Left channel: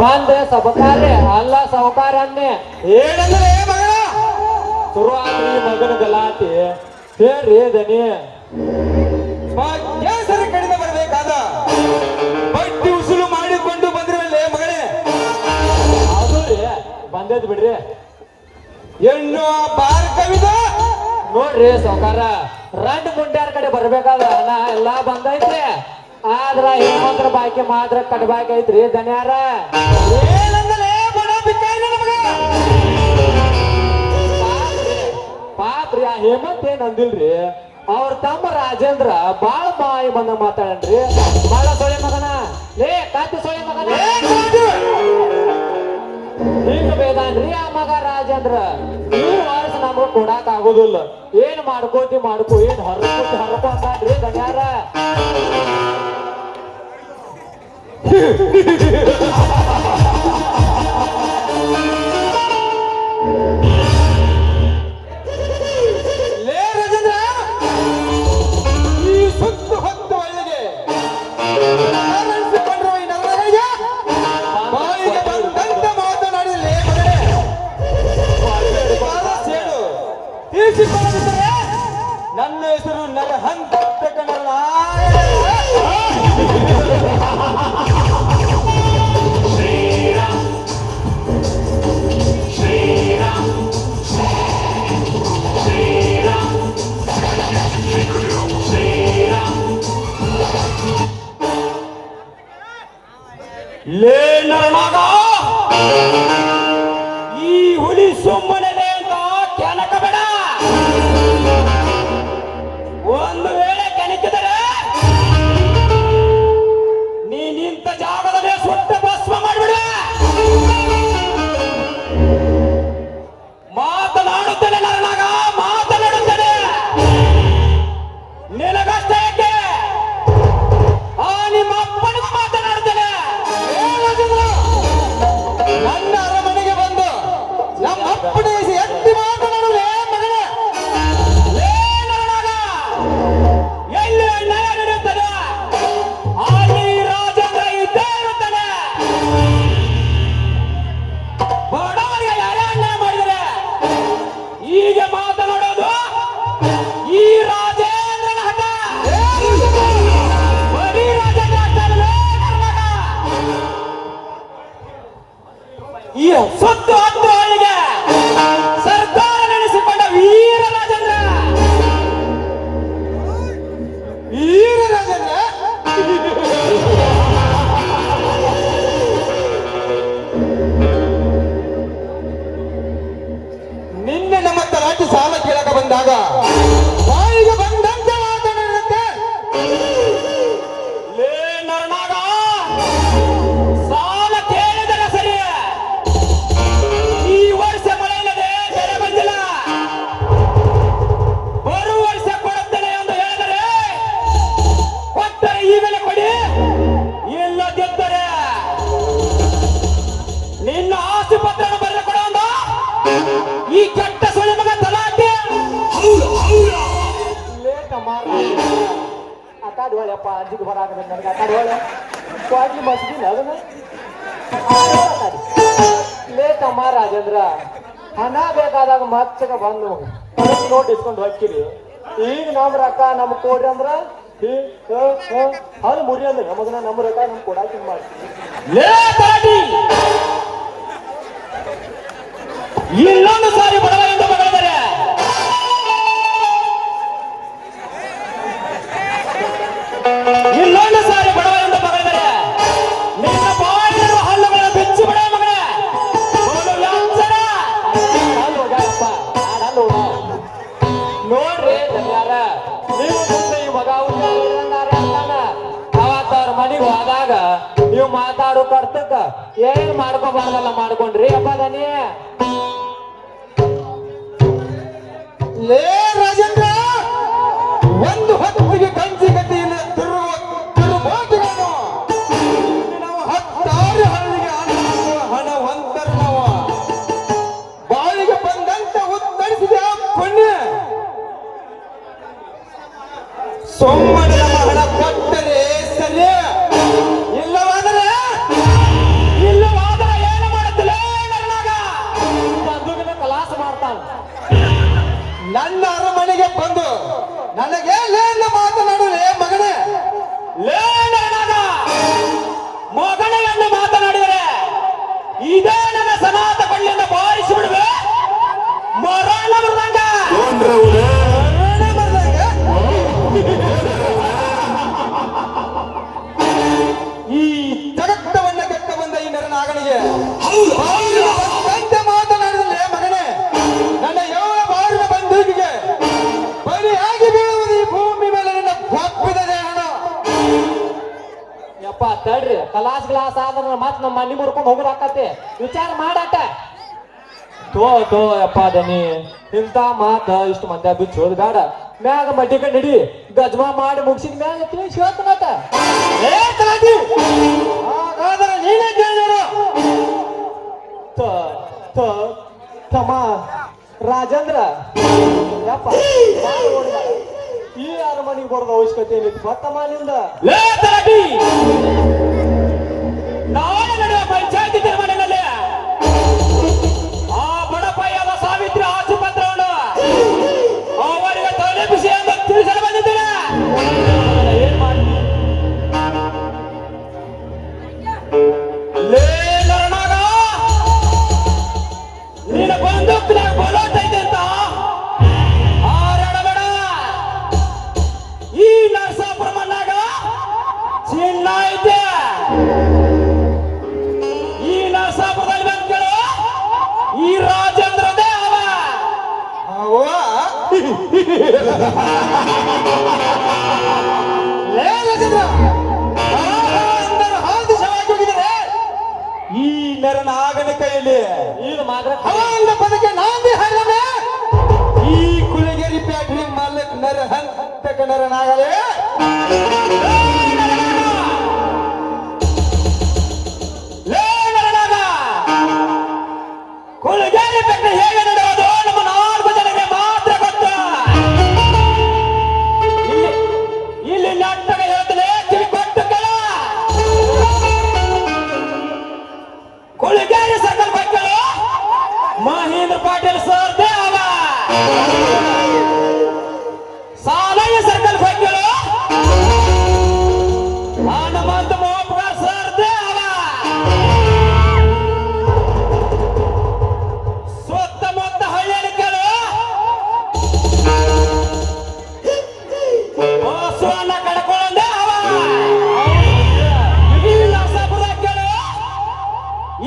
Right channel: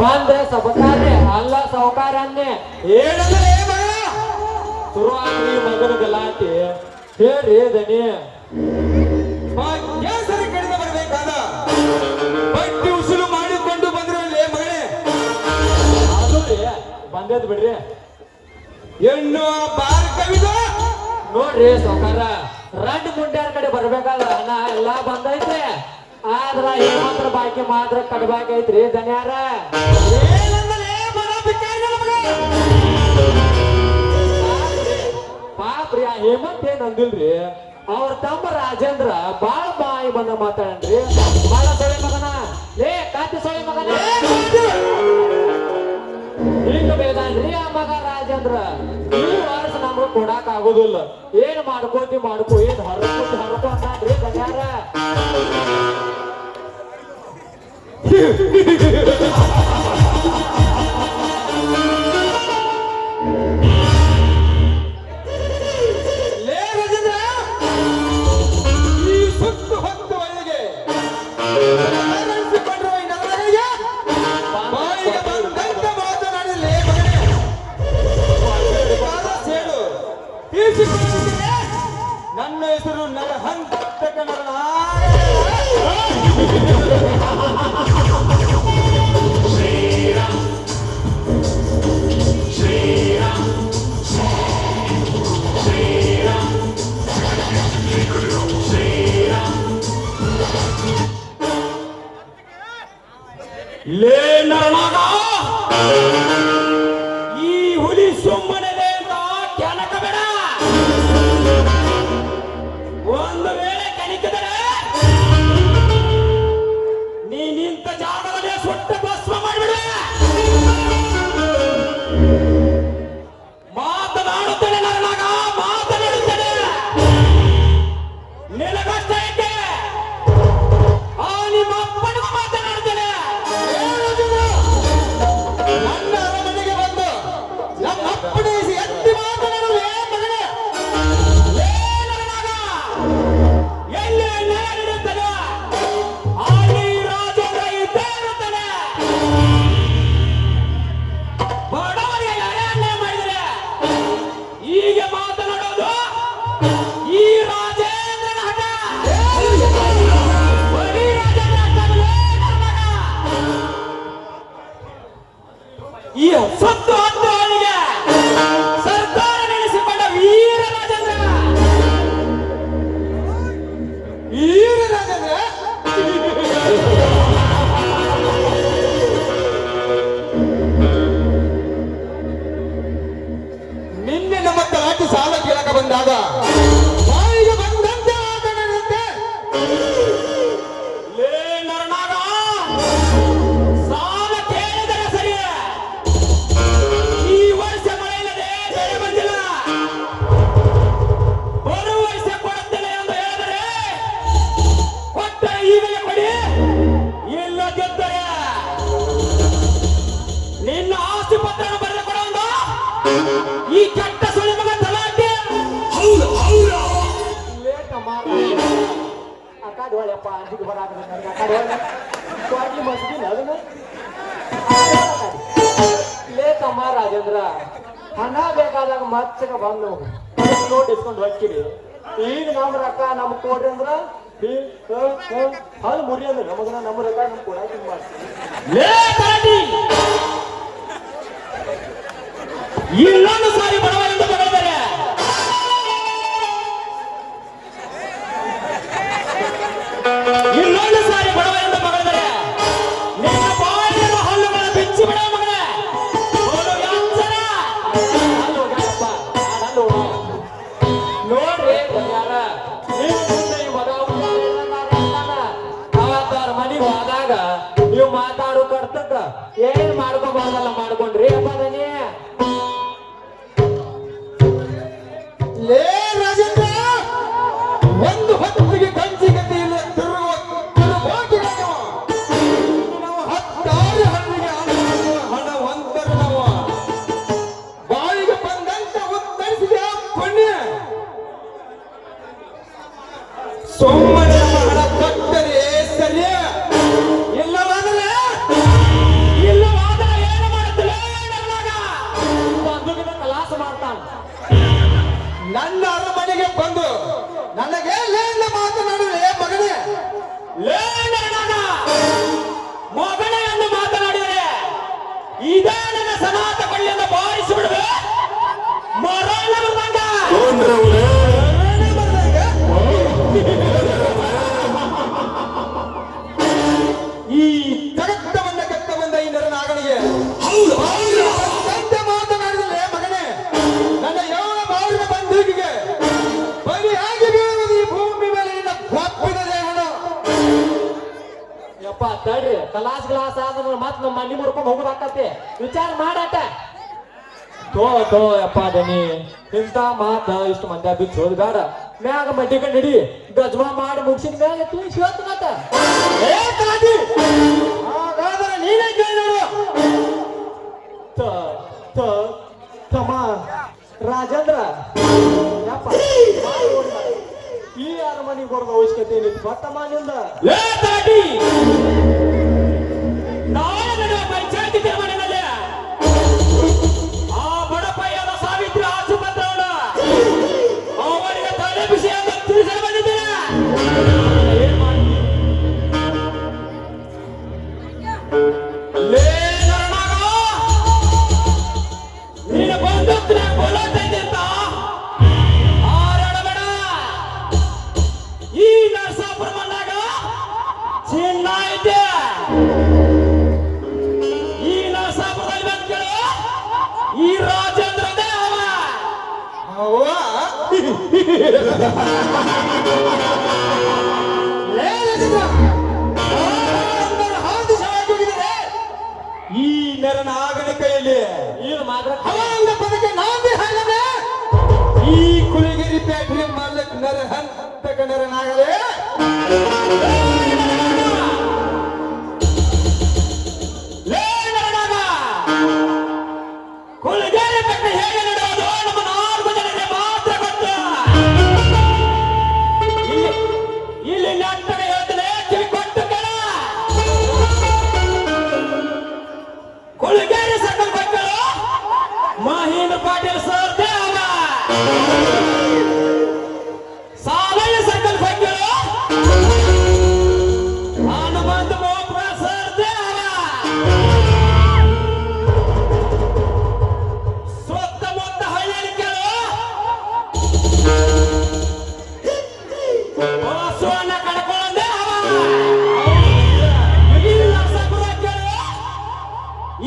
ಬಂದೆ ಸಬಕಾರ್ರೆ ಅಲ್ಲ ಸಾವುಕಾರನ್ನೇ ಏನಂದ್ರೆ ಮಗಳ ಶುರುವಾಗ್ರಿ ಮಗನ ಗಲಾಟೆ ಹೇಳ್ರಿ ದನಿ ಕೇಸರಿ ಕಡಿಮೆ ಬರಬೇಕಾದ ಬಡ್ಡಿ ಉಸುಲು ಮಾಡಿಕೊಂಡು ಬಂದ್ರಲ್ಲೇ ಮಗಳೇ ಅದು ರೀ ಬಂದೇದ್ ಬಿಡ್ರಿ ಎನ್ನು ಬಾರ ಕವಿದ ನೋಡ್ರಿ ಸಾವುಕಾರ ರಂಡ್ ಮುಂಡ್ಯಾರ ಕಡೆ ಬರ್ಬೇಕಲ್ಲ ಅಣ್ಣ ಎಲ್ಲಾ ಬಂದೈತ್ರಿ ಆದ್ರ ಹೆಣ್ಮಕ್ಳ ಬಾಕಿ ಮಾತ್ರ ಕಟ್ಬೇಕೈತ್ರಿ ದನಿಯಾರ ಏನಂದ್ರೆ ಬಡ ಬಿಕ್ಕಾರಿ ಪಾಪ್ರಿ ಆ ಹೇಮಂತ್ ಏನ್ ಅಂದಿಲ್ರಿ ಅವ್ರ ತಮ್ಮ ರಾಜೇಂದ್ರ ಬಾಳ್ ಬಾಯಿ ಬಂದ ಮಾತಾಡನ್ರಿ ಬಾಳ ಸೊಳೆ ಮಗನ ಲೇ ಕಾತಿ ಸೊಳೆ ಮಗನ ಹಿಂಗ ಬೇದಾನ್ರಿ ಆ ಮಗ ರಾಜೇಂದ್ರ ಈ ವರ್ಷ ನಮ್ಗೆ ಕೊಡಾಕ್ ಆಗುದಿಲ್ಲ ಏನ್ ಮಾಡ್ಕೋತಿ ಮಾಡ್ಕೋ ಏನ್ ಹರ್ಕೋ ಅಂತಾನ್ರಿ ದನ್ಯಾರ ನನ್ನ ಹೆಸರು ನರಹಂತಕನಲ್ಲ ಲೇ ನರನಾಗ ಈ ಹುಲಿ ಸುಮ್ಮನೆ ಅಂತ ಕೆಣಕಬೇಡ ಒಂದು ವೇಳೆ ಕೆಣಕಿದರೆ ನೀ ನಿಂತ ಜಾಗದಲ್ಲಿ ಸುಟ್ಟ ಭಸ್ಮ ಮಾಡಿಬಿಡ ಮಾತನಾಡುತ್ತೇನೆ ನರನಾಗ ಮಾತನಾಡುತ್ತೇನೆ ನಿನಗಷ್ಟೇ ಯಾಕೆ ಆ ನಿಮ್ಮ ಅಪ್ಪನಿಗೂ ಮಾತನಾಡುತ್ತೇನೆ ನನ್ನ ಅರಮನೆಗೆ ಬಂದು ನಮ್ಮ ಅಪ್ಪನಿಗೆ ಎತ್ತಿ ಮಾತನಾಡಲೇ ಮಗನೇ ಎಲ್ಲಿ ನಡೆಯುತ್ತದೆ ಅಲ್ಲಿ ರಾಜೇಂದ್ರ ಇದ್ದೇ ಇರುತ್ತಾನೆ ಬಡವರಿಗೆ ಅನ್ಯಾಯ ಮಾಡಿದರೆ ಹೀಗೆ ಮಾತನಾಡೋದು ಈ ರಾಜೇಂದ್ರನ ಹಠ ಬರೀ ರಾಜೇಂದ್ರ ಅಷ್ಟೇ ಈ ಸತ್ತು ಹತ್ತು ಅವರಿಗೆ ಸರ್ಕಾರ ನಡೆಸಿಕೊಂಡ ವೀರ ರಾಜೇಂದ್ರ ನಿನ್ನೆ ನಮ್ಮ ತಲಾಟಿ ಸಾಲ ಕೇಳಕ ಬಂದಾಗ ಬಾಯಿಗೆ ಬಂದಂತೆ ಮಾತನಾಡುತ್ತೆ ಲೇ ನರನಾಗ ಸಾಲ ಕೇಳಿದರೆ ಸರಿ ಈ ವರ್ಷ ಮಳೆ ಇಲ್ಲದೆ ಬೆಳೆ ಬಂದಿಲ್ಲ ಬರುವ ವರ್ಷ ಕೊಡುತ್ತೇನೆ ಎಂದು ಹೇಳಿದರೆ ಕೊಟ್ಟರೆ ಈಗಲೇ ಕೊಡಿ ಇಲ್ಲ ಗೆದ್ದರೆ ನಿನ್ನ ಆಸ್ತಿ ಪತ್ರ ಬರೆದು ಕೊಡುವಂತ ಈ ಕೆಟ್ಟ ಸುಳಿ ಮಗ ತಲಾಟೆ ಲೇಟ್ ಅಕಾಡಿ ಹೊಳೆಯಪ್ಪ ಅಂಜಿಗೆ ಬರಾಕ ಅಕಾಡಿ ಹೊಳೆ ಸ್ವಾಗಿ ಮಸ್ಗಿಲ್ಲ ಅದನ್ನು ಲೇಟಮ್ಮ ರಾಜೇಂದ್ರ ಹಣ ಬೇಕಾದಾಗ ಮಚ್ಚಗ ಬಂದು ನೋಟ್ ಇಸ್ಕೊಂಡು ಹಾಕಿರಿ ಈಗ ನಮ್ ರೊಕ್ಕ ನಮ್ ಕೊಡ್ರಿ ಅಂದ್ರ ಅದು ಮುರಿ ಅಂದ್ರೆ ನಮಗನ ನಮ್ಮ ರೊಕ್ಕ ನಮ್ಗೆ ಕೊಡಾಕಿ ಮಾಡ್ತೀವಿ ಲೇ ತಲಾಟಿ ಇನ್ನೊಂದು ಸಾರಿ ಬಡವ ಎಂದು ಬಗಳಿದರೆ ಇನ್ನೊಂದು ಸಾರಿ ಬಡವ ಎಂದು ಬಗಳಿದರೆ ನಿನ್ನ ಬಾಯಿರುವ ಹಲ್ಲುಗಳ ಬೆಚ್ಚಿ ಬಿಡ ಮಗನೇ ಒಂದು ವ್ಯಾಸನ ನೋಡ್ರಿ ಯಾರ ನೀವು ಮುಂದೆ ಈ ಮಗ ಅವತ್ತಾರ ಮನೆಗೆ ಹೋದಾಗ ನೀವು ಮಾತಾಡೋ ಕರ್ತಕ್ಕ ಏನ್ ಮಾಡ್ಕೋಬಾರ್ದಲ್ಲ ಮಾಡ್ಕೊಂಡ್ರಿ ಅಪ್ಪದನಿ ಲೇ ರಾಜೇಂದ್ರ ಒಂದು ಹೊತ್ತಿಗೆ ಕಂಚಿ ಗತಿ ಇಲ್ಲ ತಿರುಗಾಟಗಳನ್ನು ನಮ್ಮ ಹತ್ತಾರು ಹಳ್ಳಿಗೆ ಹಣವಂತರು ನಾವು ಬಾಯಿಗೆ ಬಂದಂತ ಉತ್ತರಿಸಿದ ಪುಣ್ಯ ಸುಮ್ಮನೆ ಹಣ ಕೊಟ್ಟರೆ ಸರಿಯೇ ಇಲ್ಲವಾದರೆ ಇಲ್ಲವಾ ಈ ಜಗತ್ತವನ್ನ ಕೆತ್ತ ಬಂದ ಈ ನರನಾಗನಿಗೆ ಕಂತೆ ಮಾತನಾಡಿದಲೇ ಮಗನೇ, ನನ್ನ ಯಾವ ಬಾರಿನ ಬಂದೂಕಿಗೆ ಬಲಿಯಾಗಿ ಬೀಳುವುದು ಈ ಭೂಮಿ ಮೇಲೆ ನಿನ್ನ ಒಪ್ಪಿದ ಜನ. ಯಪ್ಪ ತಡ್ರಿ, ಗ್ಲಾಸ್ ಆದ್ರ ಮತ್ ನಮ್ಮ ಮನೆ ಮುರ್ಕೊಂಡು ಹೋಗೋದಾಕತಿ. ವಿಚಾರ ಮಾಡಾಟ. ತೋ ಯಪ್ಪ ದನಿ, ಇಂಥ ಮಾತ ಇಷ್ಟು ಮಂದಿ ಬಿಚ್ಚು ಹೋದ್ ಬೇಡ. ಮ್ಯಾಗ ಮಡ್ಡಿಕ ನಡಿ, ಗಜ್ಮಾ ಮಾಡಿ ಮುಗಿಸಿದ ಮ್ಯಾಗ ತಿಳಿಸ್ಬೇಕ ಮತ್ತ. ಏ ತಾಟಿ, ಹಾಗಾದರೆ ನೀನೇ ಕೇಳಿದರು. ತಮ್ಮ ರಾಜೇಂದ್ರ, ಯಪ್ಪ ಈ ಅರಮನೆಗೆ ಬರೋದು ಅವಶ್ಯಕತೆ ಏನಿತ್ತು ಮತ್ತಮ್ಮ ನಿಂದ? ಏ ತಾಟಿ, ನಾಳೆ ನಡೆಯುವ ಪಂಚಾಯತಿ ತೀರ್ಮಾನದಲ್ಲಿ ಆ ಬಡಪಾಯದ ಸಾವಿತ್ರಿ ಆಸುಪತ್ರವನ್ನು ಅವರಿಗೆ ತಲುಪಿಸಿ ಎಂದು ತಿಳಿಸಲು ಬಂದಿದ್ದೇನೆ. ಏನ್ ಮಾಡಿ ಲೇ ನರನಾಗ, ನಿನ್ನ ಬಂದೂಕಿನ ಕೊಲ್ಲೋತೈತೆ ಅಂತ ಹಾರಾಡಬೇಡ. ಈ ನರಸಾಪುರ ಮಣ್ಣಾಗ ಚಿನ್ನ ಐತೆ. ಈ ನರಸಾಪುರದಲ್ಲಿ ಬಂದ್ಗಳು ಈ ರಾಜೇಂದ್ರ ದೇವ. ಲೇ ರಾಜೇಂದ್ರ, ಈ ನರನಾಗನ ಕೈಯಲ್ಲಿ ಈಗ ಮಾತ್ರ ಅವನ ಪದಕ್ಕೆ ನಾಂದಿ ಹಾಡನೆ. ಈ ಕುಲಗೇರಿ ಪ್ಯಾಟ್ರಿ ಮಾಲಕ್ ನರ ಹಂತಕ ನರನಾಗಲೇ. ಲೇ ನರನಾಗ, ಕುಲಗೇರಿ ಪ್ಯಾಟ್ರಿ ಹೇಗೆ ನಡೆಯೋದು ನಮ್ಮ 4 ಜನರಿಗೆ ಮಾತ್ರ ಗೊತ್ತು. ಇಲ್ಲಿ ನಾಟಕ ಹೇಳ್ತದೆ, ಕಿವಿ ಕೊಟ್ಟು ಕೇಳ. ಕುಲಗೇರಿ ಸರ್ಕಲ್ ಮಕ್ಕಳು ಮಹೇಂದ್ರ ಪಾಟೀಲ್ ಸರ್ ದೇವ. ಸಾಲಯ್ಯ ಸರ್ಕಲ್ ಮಕ್ಕಳು ಹನುಮಂತ ಮೋಪಗಾರ್ ಸರ್ ದೇವ. ಸುತ್ತಮುತ್ತ ಹಳ್ಳಿಗಳು ಬಸವಣ್ಣ ಕಡ್ಕೊಂಡ ಈ ನರಸಾಪುರಕ್ಕಳು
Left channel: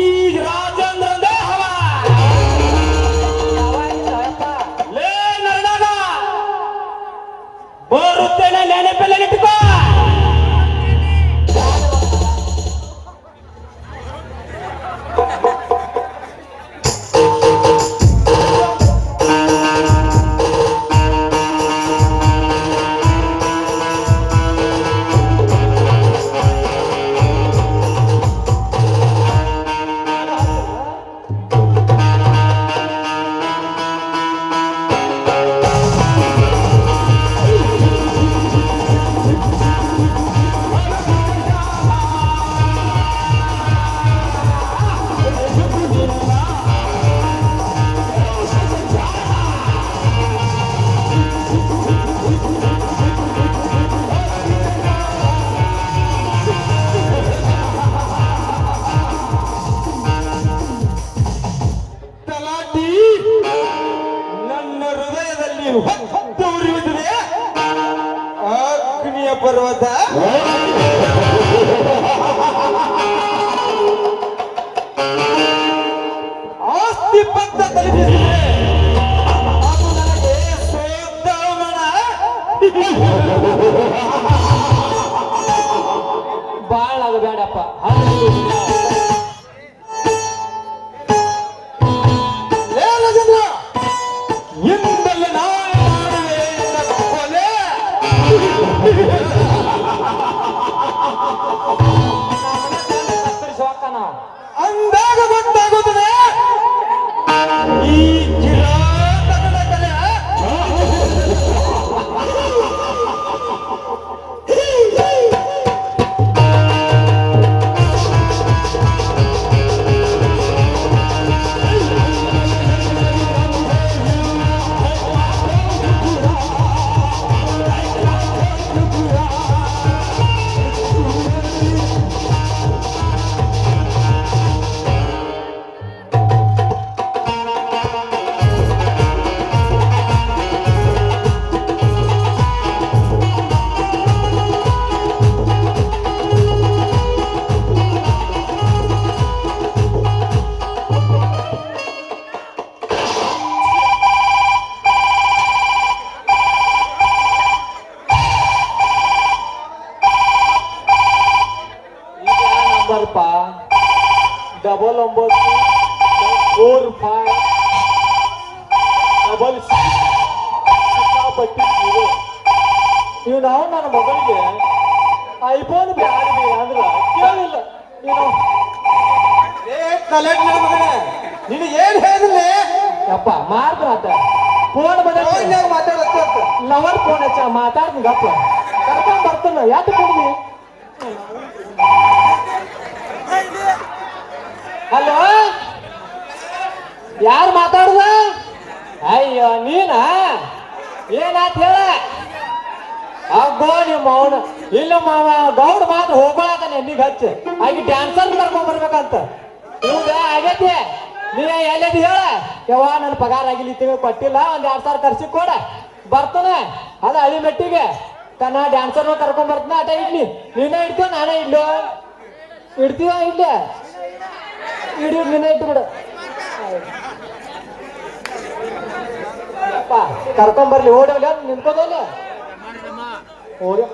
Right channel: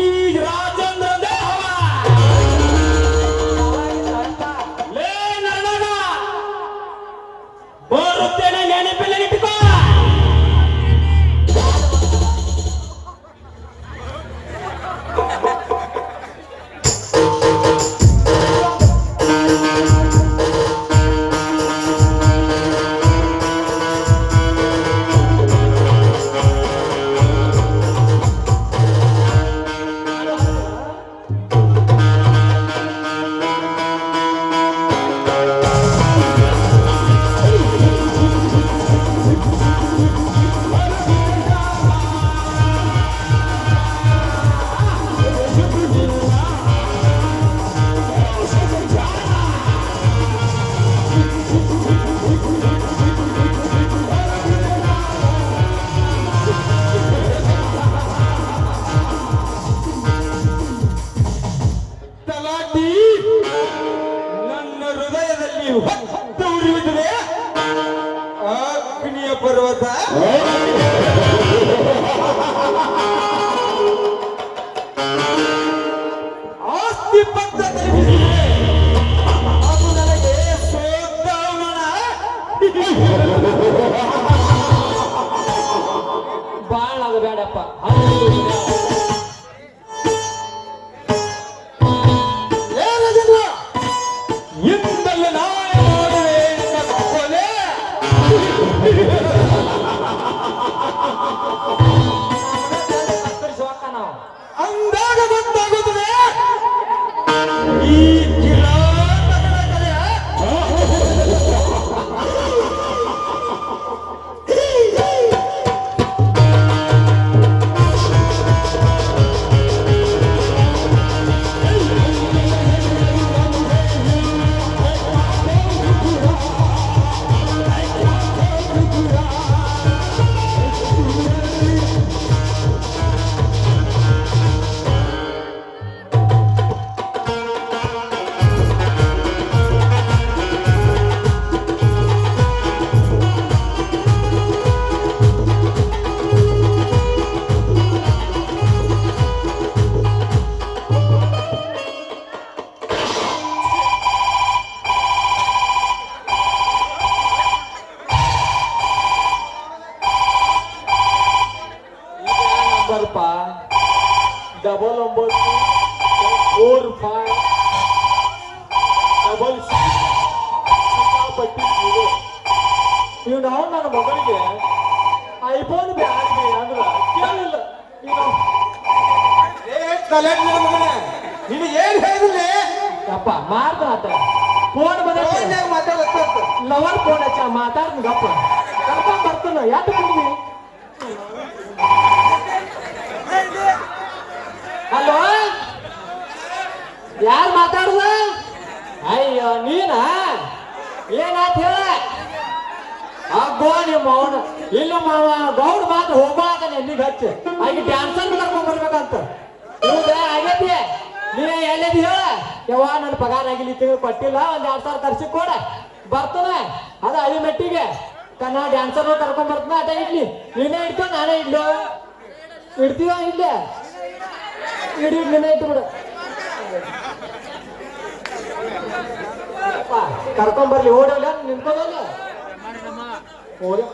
ಈ ರಾಜೇಂದ್ರ ದೇವ. ಲೇ ನರನಾಗ, ಬರುತ್ತೇನೆ, ನೆನಪೆಲ್ಲ ಇಟ್ಟುಕೋ. ತಲಾಟಿ, ನನ್ನ ಹೃದಯದಲ್ಲಿ ಹೊತ್ತು ಉರಿಯುತ್ತದೆ ಅಗ್ನಿಯ ಪರ್ವತ. ಆಸ್ತಿ ಪತ್ರ ತಲುಪಿಸಿದೆ. ಅದು ನನಗೆ ಸೋದಮನ. ಬಾಳ ಅದು ಬೇಡಪ್ಪ. ಲೇ ರಾಜೇಂದ್ರ, ಇಂದಲ್ಲಿ ನಾನು ಮಾಡುವೆ ನಿನ್ನ ಕೊಲೆ. ಅಂದಾಗ ಗೊತ್ತಾಗುತ್ತದೆ ಈ ಕಿರಾತಕದ ಕಲೆ. ನಂಬರ್ಪ 994566 ನೀವು ನಾವು ನನ್ನ ಮಗಳಿಗೆ ಐಫೋನ್ ಬ್ಯಾಡ್ರಿ ಅಂದ್ರ ಕೇಳಿಲ್ಲ ನೀನು ಏ ಕಲೆಕ್ಟ್ ನನ್ನ ಮಗನೇ ನೀನು ಏನ್ ಹೇಳಿಲ್ಲ ಯಪ್ಪ ಮಾತಾಡ ಫೋನ್ ಬಂದ ಮಾತಾಡತ್ತ ಲವರ್ ಫೋನ್ ಹಚ್ಚ ಮಾತಾಡ್ತೀನಿ ಗಪ್ಪ ಕರ್ಕೊಂಡ್ ಬರ್ತಾನ ಯಾಕೆ ಕೊಡ್ದಿ ಹಲೋ ಯಾರು ಮಾತಾಡುವ ಅಯ್ಯೋ ನೀನ ಏನಾತ್ ಹೇಳ ಅಬ್ಬೋ ನಿಮ್ಮ ಅವನು ಇಲ್ಲ ಮಾವ ಗೌಡ ಮಾತು ಹೋಗಾಕ ಎಲ್ಲಿಗೆ ಹಚ್ಚಿ ಆಗಿ ಡ್ಯಾನ್ಸರ್ ಕರ್ಕೊಂಡ್ ಬರ್ಬೇಕಂತ ಹೌದಾ ಆಗೈತಿ ನೀ ಎಲ್ಲದಿ ಹೇಳ ಯವ್ವ ನನ್ನ ಪಗಾರ ಆಗಿಲ್ಲ ತಿಂಗಳು ಕೊಟ್ಟಿಲ್ಲ ಒಂದ್ 2,000 ಖರ್ಚಿ ಕೊಡ ಬರ್ತಾನೆ ಅದ ಹಳಿ ಮೆಟ್ಟಿಗೆ ನಾ ಡ್ಯಾನ್ಸರ್ ಕರ್ಕೊಂಡ್ ಬರ್ತಾನ ಅಟ ಇಡ್ಲಿ ನೀನೇ ಇಡ್ತೀವ ನಾನೇ ಇಡ್ಲು ಇಡ್ತೀವ ಇಲ್ಲೇ ಇಡಿ ನೀನೇ ಇಟ್ಟು ಬಿಡು ಕರ್ಕೊಂಡ್ ಬರ್ಲಿ ಓಡೋಲ್ಲ ನಿಂತ್ಕೋದಲ್ಲ ಓಡಿ